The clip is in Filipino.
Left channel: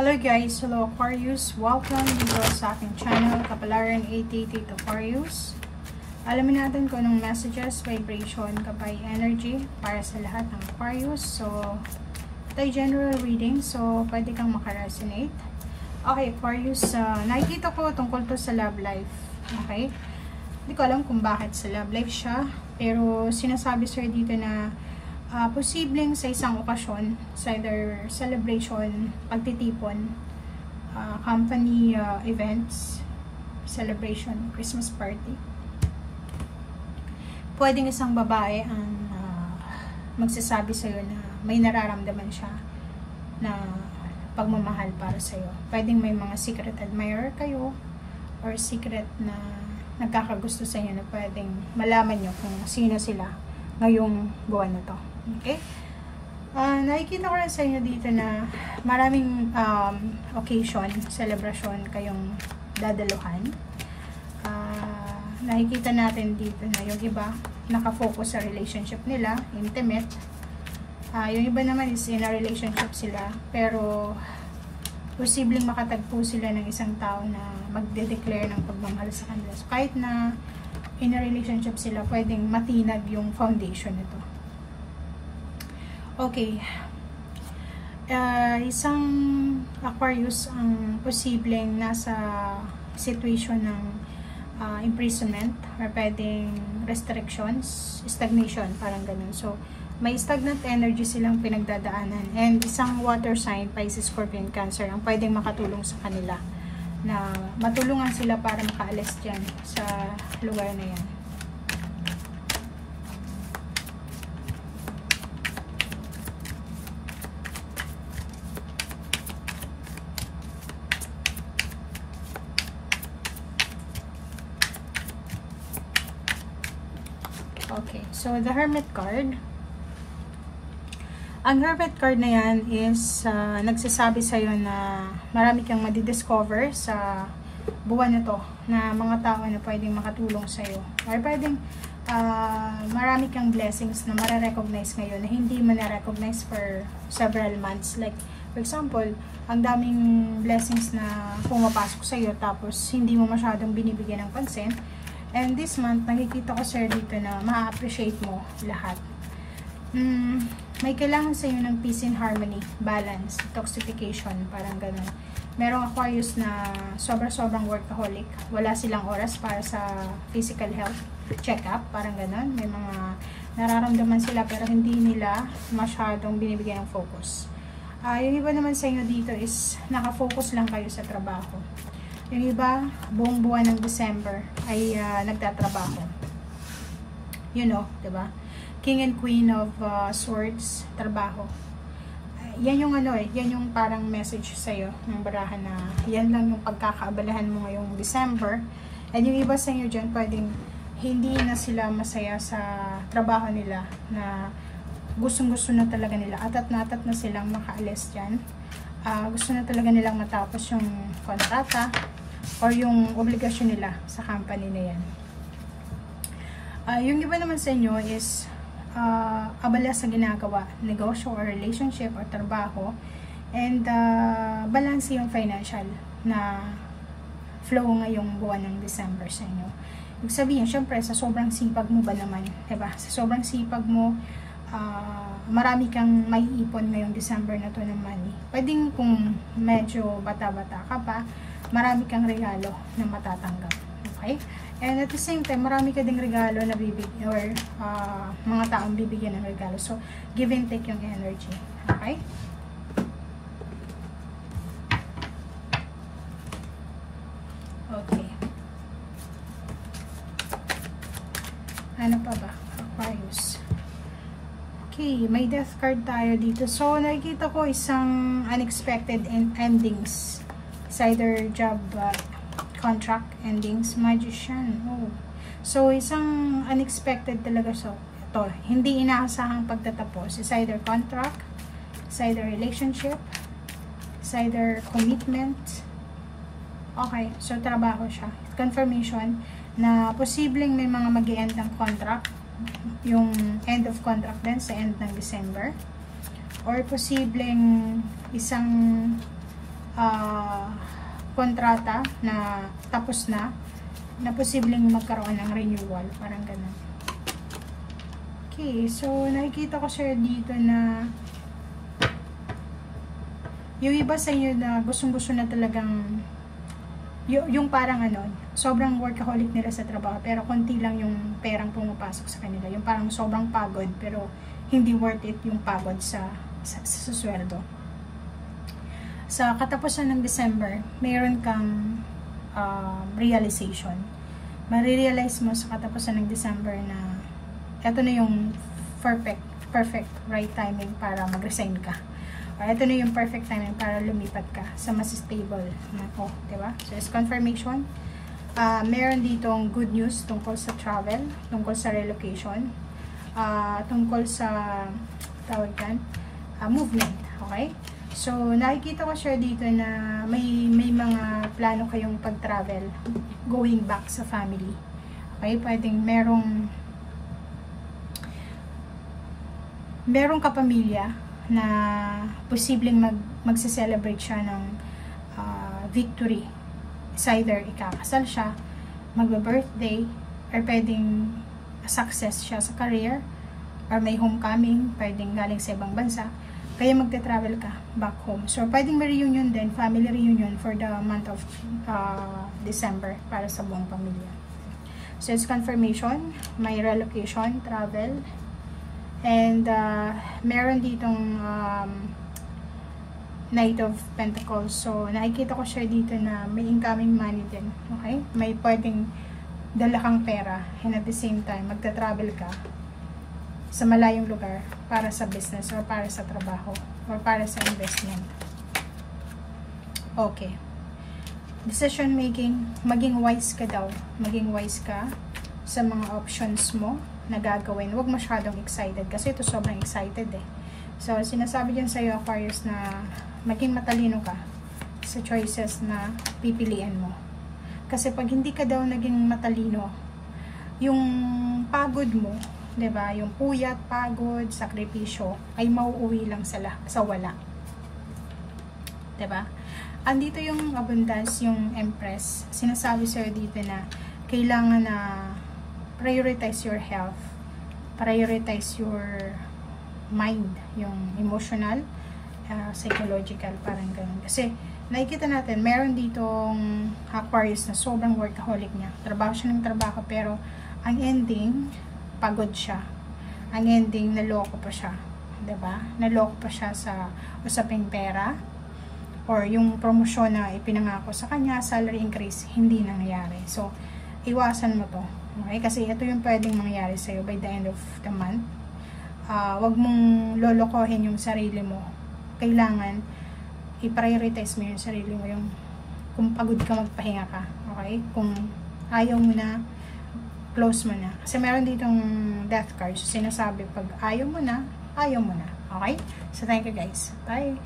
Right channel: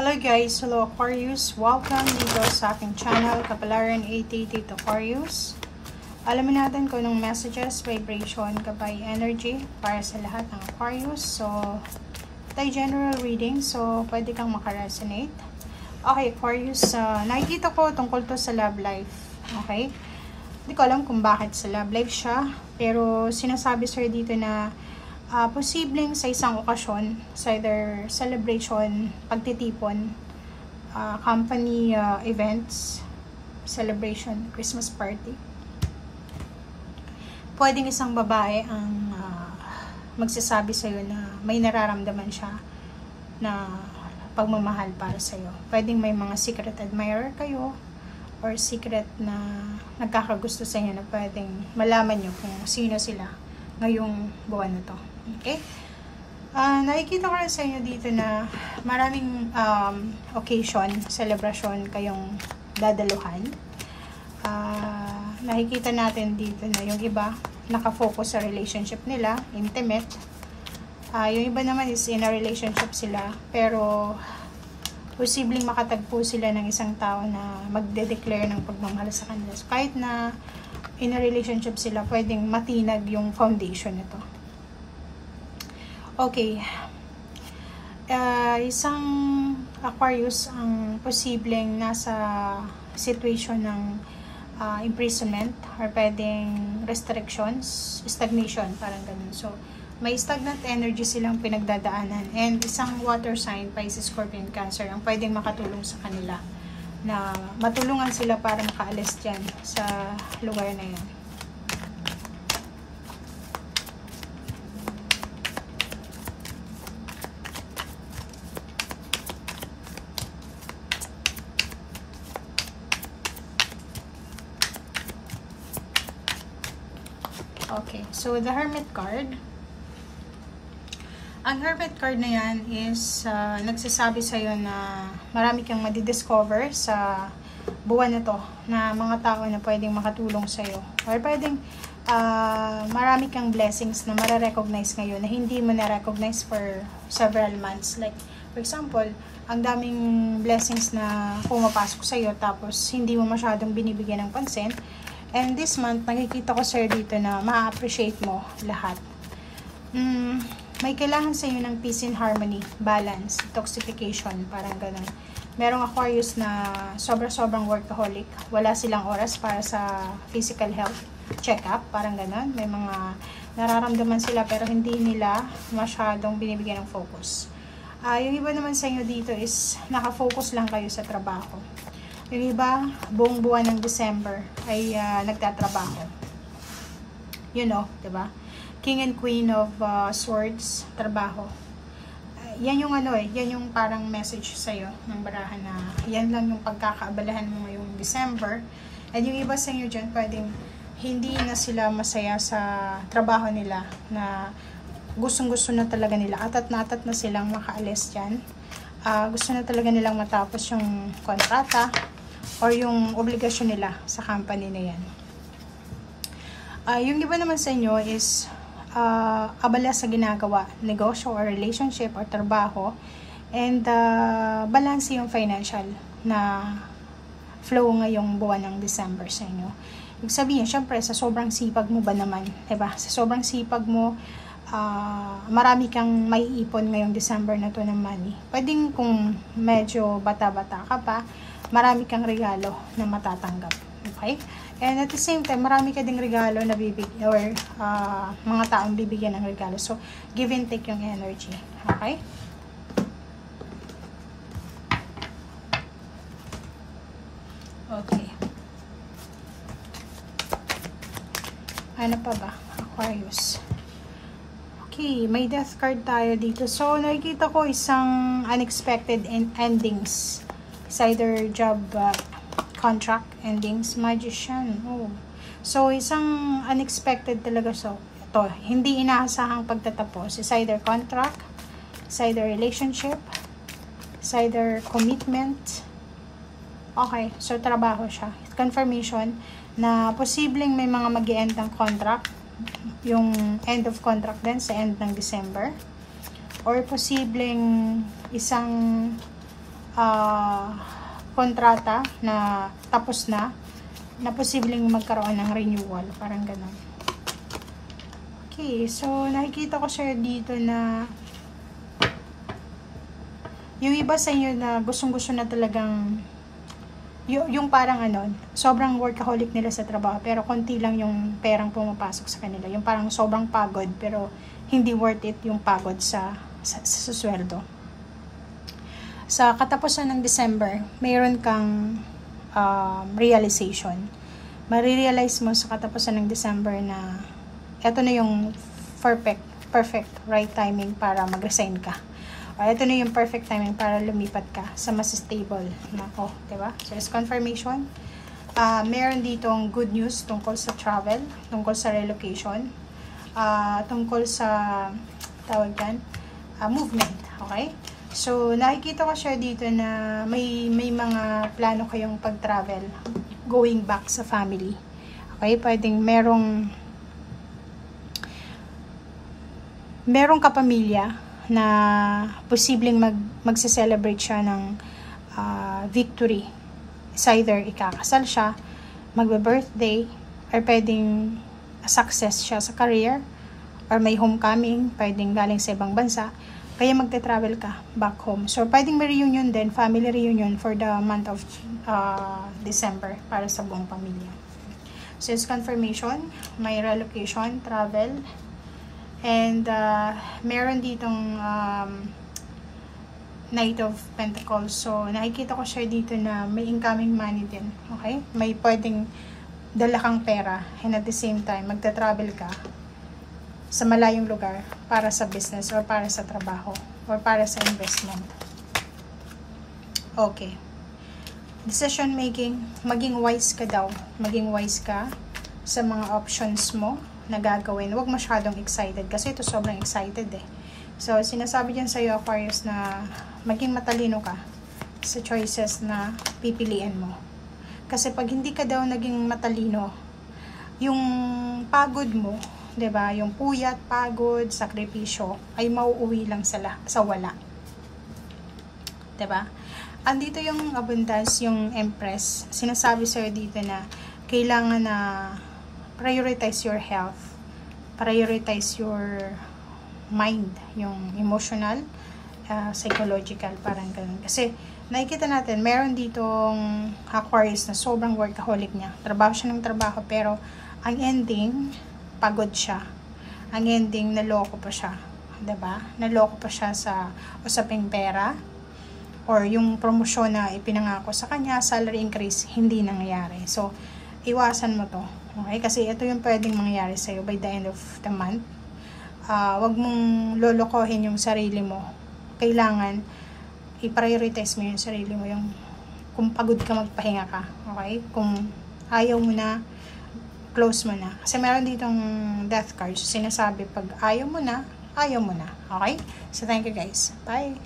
Hello guys, hello Aquarius, welcome dito sa aking channel, Kapalaran 88 Aquarius. Alamin natin kung anong messages, vibration, kapay energy para sa lahat ng Aquarius. So, tayo general reading, so pwede kang makaresonate. Okay Aquarius, nakikita ko tungkol to sa love life, okay? Hindi ko alam kung bakit sa love life siya, pero sinasabi sir dito na posibleng sa isang okasyon, sa either celebration, pagtitipon, company events, celebration, Christmas party. Pwedeng isang babae ang magsasabi sa'yo na may nararamdaman siya na pagmamahal para sa'yo. Pwedeng may mga secret admirer kayo or secret na nagkakagusto sa inyo na pwedeng malaman nyo kung sino sila ngayong buwan na to. Okay? Nakikita ko rin sa inyo dito na maraming occasion, celebration kayong dadaluhan. Nakikita natin dito na yung iba nakafocus sa relationship nila, intimate. Yung iba naman is in a relationship sila, pero posibleng makatagpo sila ng isang tao na magde-declare ng pagmamahal sa kanila. So, kahit na in a relationship sila, pwedeng matinag yung foundation nito. Okay. Isang Aquarius ang posibleng nasa situation ng imprisonment or pwedeng restrictions, stagnation, parang ganun. So, may stagnant energy silang pinagdadaanan. And isang water sign, Pisces, Scorpion, Cancer, ang pwedeng makatulong sa kanila na matulungan sila para makaalis dyan sa lugar na yan. Okay, so the Hermit card. Ang Hermit card na yan is nagsasabi sa'yo na marami kang madidiscover sa buwan na to na mga tao na pwedeng makatulong sa'yo. Or pwedeng marami kang blessings na mare-recognize ngayon na hindi mo na-recognize for several months. Like, for example, ang daming blessings na pumapasok sa'yo tapos hindi mo masyadong binibigyan ng pansin. And this month, nakikita ko sir dito na ma-appreciate mo lahat. May kailangan sa inyo ng peace and harmony, balance, detoxification, parang ganun. Merong Aquarius na sobra-sobrang workaholic. Wala silang oras para sa physical health check-up, parang ganun. May mga nararamdaman sila pero hindi nila masyadong binibigyan ng focus. Yung iba naman sa inyo dito is nakafocus lang kayo sa trabaho. Yung iba, buong buwan ng December ay nagtatrabaho. You know, diba? King and Queen of Swords, trabaho. Yan yung yan yung parang message sa'yo ng barahan na yan lang yung pagkakaabalahan mo ngayong December. And yung iba sa inyo dyan, pwedeng hindi na sila masaya sa trabaho nila na gustong-gusto na talaga nila. Atat na silang makaalis dyan. Gusto na talaga nilang matapos yung kontrata or yung obligasyon nila sa company na yan. Yung iba naman sa inyo is abala sa ginagawa, negosyo or relationship or trabaho, and balance yung financial na flow ngayong buwan ng December sa inyo. Ibig sabihin, syempre, sa sobrang sipag mo ba naman, diba? Sa sobrang sipag mo, marami kang may ipon ngayong December na to ng money. Pwedeng kung medyo bata-bata ka pa, marami kang regalo na matatanggap. Okay? And at the same time, marami ka ding regalo na bibigyan or mga taong bibigyan ng regalo. So, give and take yung energy. Okay? Okay. Ano pa ba? Aquarius. Okay, may death card tayo dito. So, nakikita ko isang unexpected endings. It's either job, contract endings, Magician. Oh. So, isang unexpected talaga. So, ito, hindi inaasahang pagtatapos. It's either contract, it's either relationship, it's either commitment. Okay, so trabaho siya. Confirmation na posibleng may mga mag-i-end ng contract. Yung end of contract din sa end ng December. Or posibleng isang kontrata na tapos na posibleng magkaroon ng renewal, parang ganun. Okay, so nakikita ko siya dito na yung iba sa inyo na gustong-gusto na talagang yung parang sobrang workaholic nila sa trabaho pero konti lang yung perang pumapasok sa kanila. Yung parang sobrang pagod pero hindi worth it yung pagod sa sweldo. Sa katapusan ng December, mayroon kang realization. Marirealize mo sa katapusan ng December na eto na yung perfect right timing para mag-resign ka. Ito na yung perfect timing para lumipat ka sa mas stable na diba? So, it's confirmation. Meron ditong good news tungkol sa travel, tungkol sa relocation, tungkol sa movement. Okay? So, nakikita ko siya dito na may mga plano kayong pag-travel going back sa family. Okay? Pwedeng merong kapamilya na posibleng magse-celebrate siya ng victory. It's either ikakasal siya, magbe-birthday, or pwedeng success siya sa career, or may homecoming, pwedeng galing sa ibang bansa, kaya magte-travel ka back home. So, pwedeng may reunion din, family reunion for the month of December para sa buong pamilya. So, it's confirmation, may relocation, travel, and meron ditong Knight of Pentacles. So, nakikita ko siya dito na may incoming money din. Okay? May pwedeng dala kang pera and at the same time, magta-travel ka sa malayong lugar para sa business or para sa trabaho or para sa investment. Okay. Decision making, maging wise ka daw. Maging wise ka sa mga options mo na gagawin. Huwag masyadong excited kasi ito sobrang excited eh. So, sinasabi dyan sa'yo, Aquarius, na maging matalino ka sa choices na pipiliin mo. Kasi pag hindi ka daw naging matalino, yung pagod mo, 'di ba? Yung puyat, pagod, sakripisyo ay mauuwi lang sa wala. 'Di ba? Andito yung abundance, yung Empress. Sinasabi sa'yo dito na kailangan na prioritize your health, prioritize your mind, yung emotional, psychological, parang ganun. Kasi nakikita natin, meron ditong Aquarius na sobrang workaholic niya. Trabaho siya ng trabaho, pero ang ending, pagod siya. Ang ending, naloko pa siya. 'Di ba? Naloko pa siya sa usaping pera, or yung promosyon na ipinangako sa kanya, salary increase, hindi nangyayari. So, iwasan mo to. Okay? Kasi ito yung pwedeng mangyari sa'yo by the end of the month. Wag mong lolokohin yung sarili mo. Kailangan i-prioritize mo yung sarili mo. Yung kung pagod ka, magpahinga ka. Okay? Kung ayaw mo na, close mo na. Kasi meron ditong death card. So, sinasabi, pag ayaw mo na, ayaw mo na. Okay? So, thank you guys. Bye!